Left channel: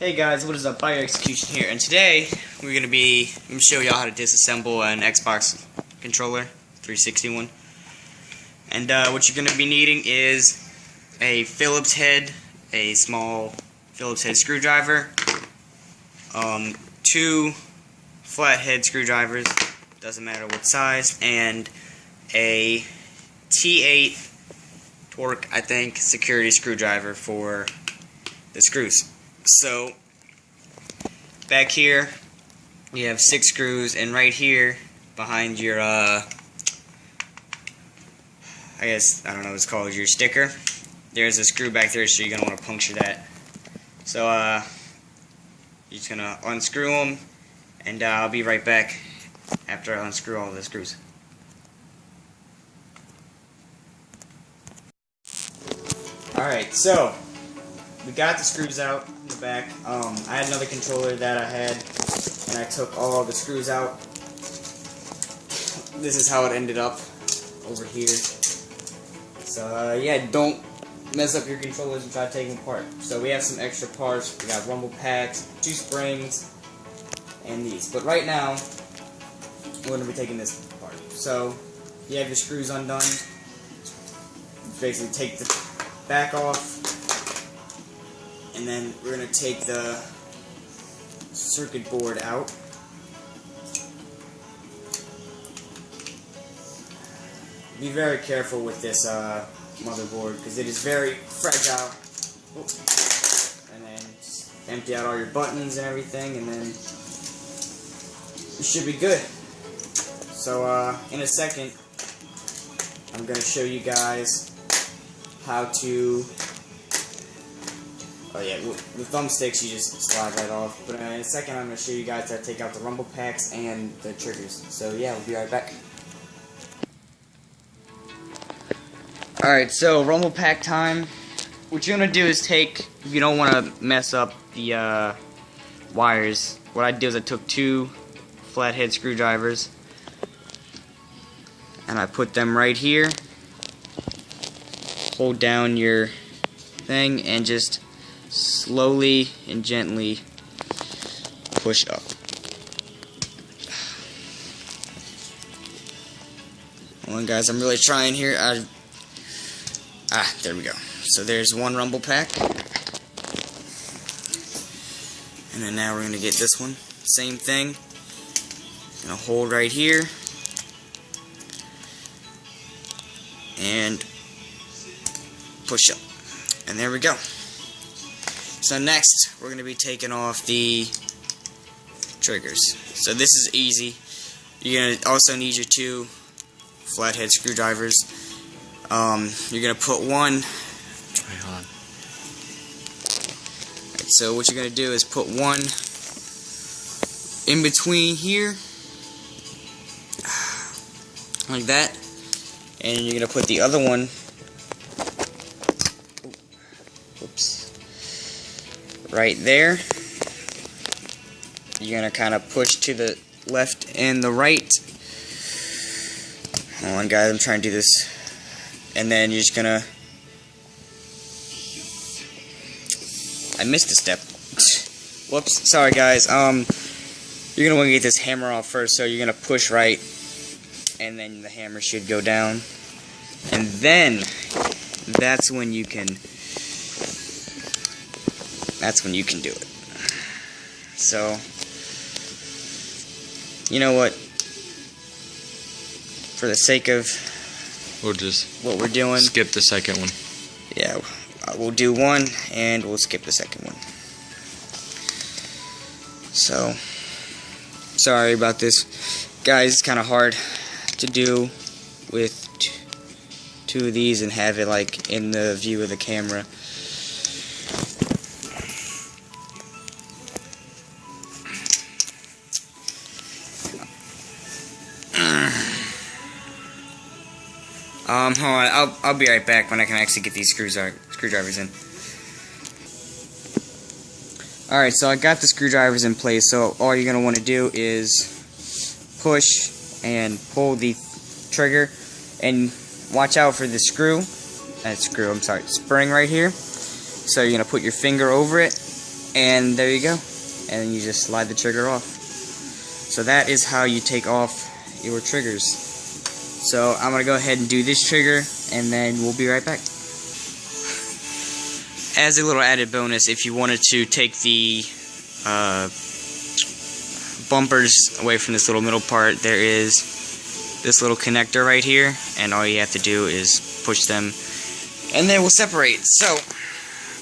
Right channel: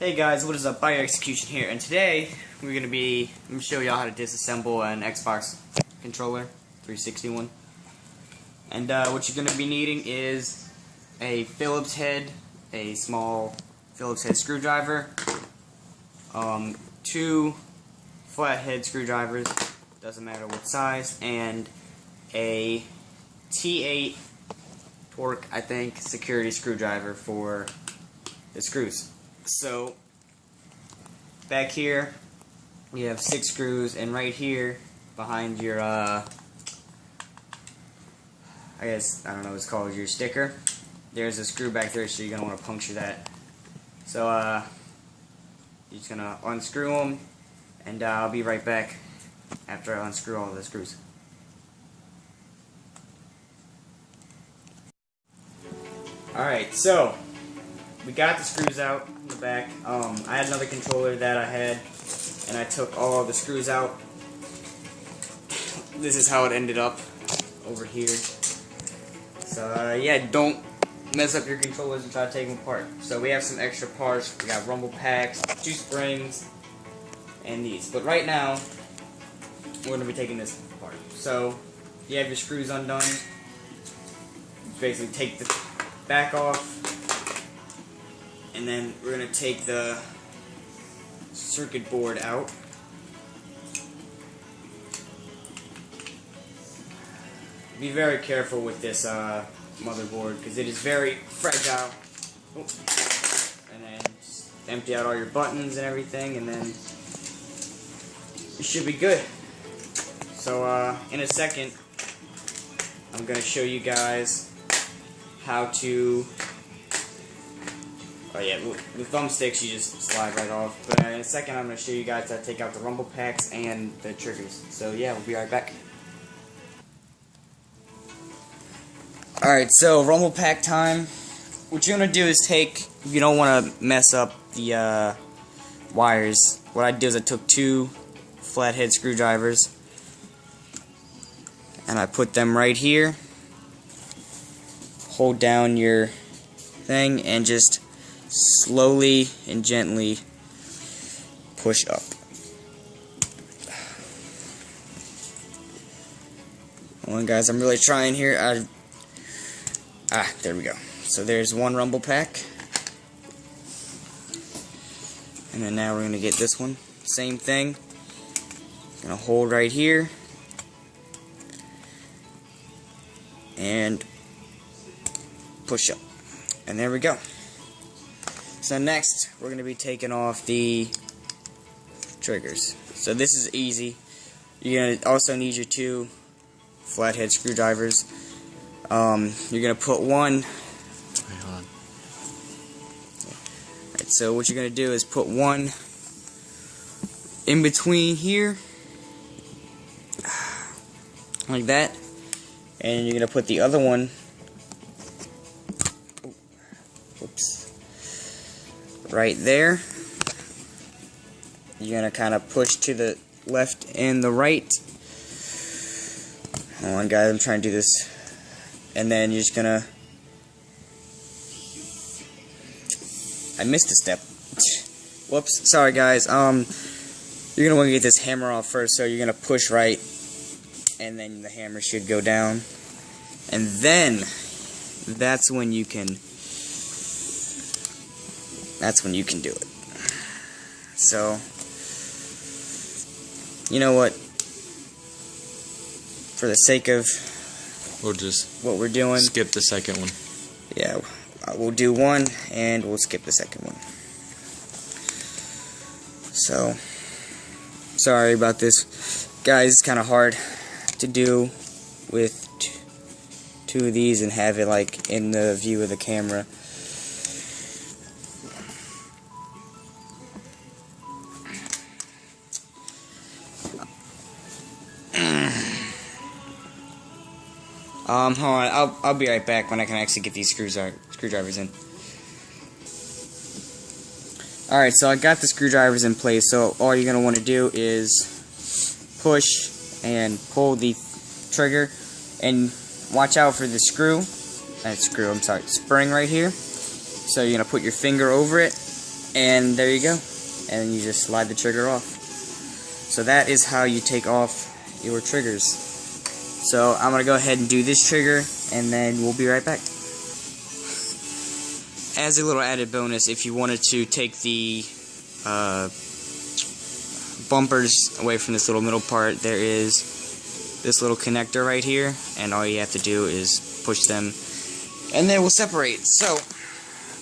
Hey guys, what is up? Bio Execution here, and today I'm gonna show y'all how to disassemble an Xbox controller, 360 one. And what you're gonna be needing is a Phillips head, a small Phillips head screwdriver, 2 flathead screwdrivers, doesn't matter what size, and a T8 torque, I think, security screwdriver for the screws. So back here we have 6 screws, and right here behind your I don't know what it's called, your sticker, there's a screw back there, so you're gonna want to puncture that. So you're just gonna unscrew them, and I'll be right back after I unscrew all the screws. Alright, so we got the screws out in the back. I had another controller that I had, and I took all the screws out. This is how it ended up over here. So yeah, don't mess up your controllers and try to take them apart. So we have some extra parts. We got rumble packs, 2 springs, and these. But right now, we're going to be taking this apart. So you have your screws undone. You basically take the back off. And then we're going to take the circuit board out. Be very careful with this motherboard because it is very fragile. Oh. And then just empty out all your buttons and everything, and then you should be good. So in a second, I'm going to show you guys how to... Oh yeah, with thumbsticks you just slide right off. But in a second I'm going to show you guys how to take out the rumble packs and the triggers. So yeah, we'll be right back. Alright, so rumble pack time. What you're going to do is take, if you don't want to mess up the wires, what I did is I took 2 flathead screwdrivers and I put them right here. Hold down your thing and just slowly and gently push up. Hold on guys, I'm really trying here. There we go. So there's one rumble pack. And then now we're going to get this one. Same thing. Gonna hold right here. And push up. And there we go. So next, we're going to be taking off the triggers. So this is easy. You're going to also need your 2 flathead screwdrivers. You're going to put one... Hang on. So what you're going to do is put one in between here, like that. And you're going to put the other one... right there. You're going to kind of push to the left and the right. Hold on guys, I'm trying to do this. And then you're just going to... I missed a step. Whoops, sorry guys. You're going to want to get this hammer off first, so you're going to push right, and then the hammer should go down. And then, that's when you can do it. So, you know what? For the sake of we'll just what we're doing, skip the second one. Yeah, we'll do one and we'll skip the second one. So, sorry about this, guys. It's kind of hard to do with 2 of these and have it like in the view of the camera. Hold on, I'll be right back when I can actually get these screwdrivers in. Alright, so I got the screwdrivers in place, so all you're going to want to do is push and pull the trigger, and watch out for the spring right here. So you're going to put your finger over it, And there you go. And then you just slide the trigger off. So that is how you take off your triggers. So I'm going to go ahead and do this trigger, and then we'll be right back. As a little added bonus, if you wanted to take the bumpers away from this little middle part, there is this little connector right here, and all you have to do is push them, and they will separate. So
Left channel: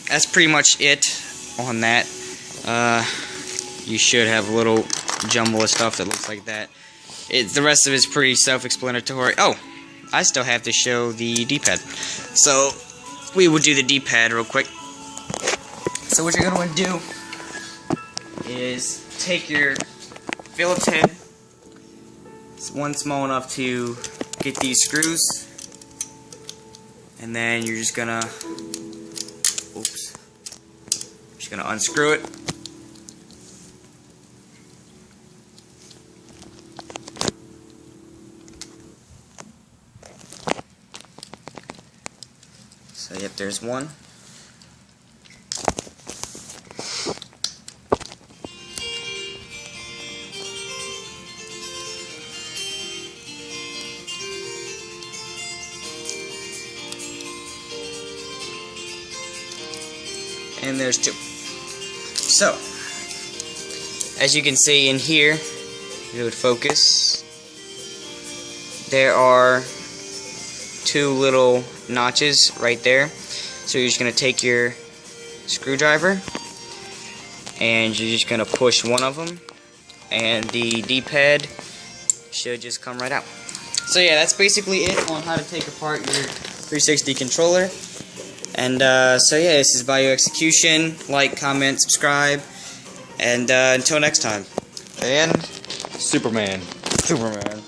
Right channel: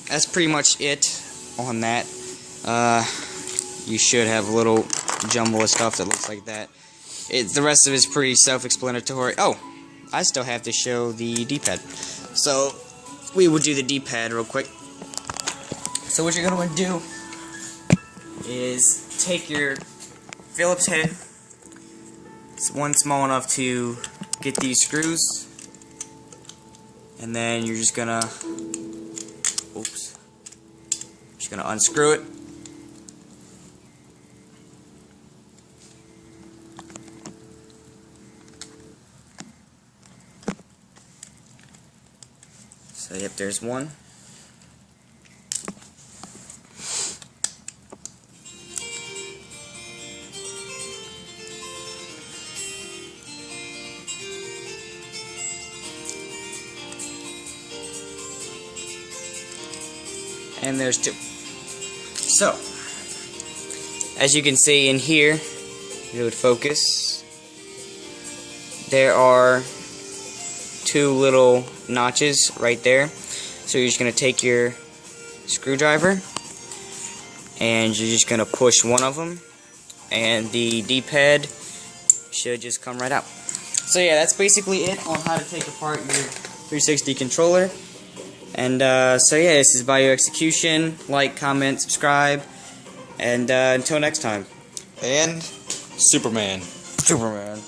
that's pretty much it on that. You should have a little jumble of stuff that looks like that. The rest of it is pretty self-explanatory. Oh, I still have to show the D-pad. So we will do the D-pad real quick. So what you're going to want to do is take your Phillips head. It's one small enough to get these screws. And then you're just going to unscrew it. So yep, there's one. And there's two. So, as you can see in here, if you would focus, there are two little notches right there. So you're just going to take your screwdriver and you're just going to push one of them, and the D-pad should just come right out. So yeah, that's basically it on how to take apart your 360 controller. And so yeah, this is Bayou Execution. Like, comment, subscribe, and until next time. And Superman. Superman.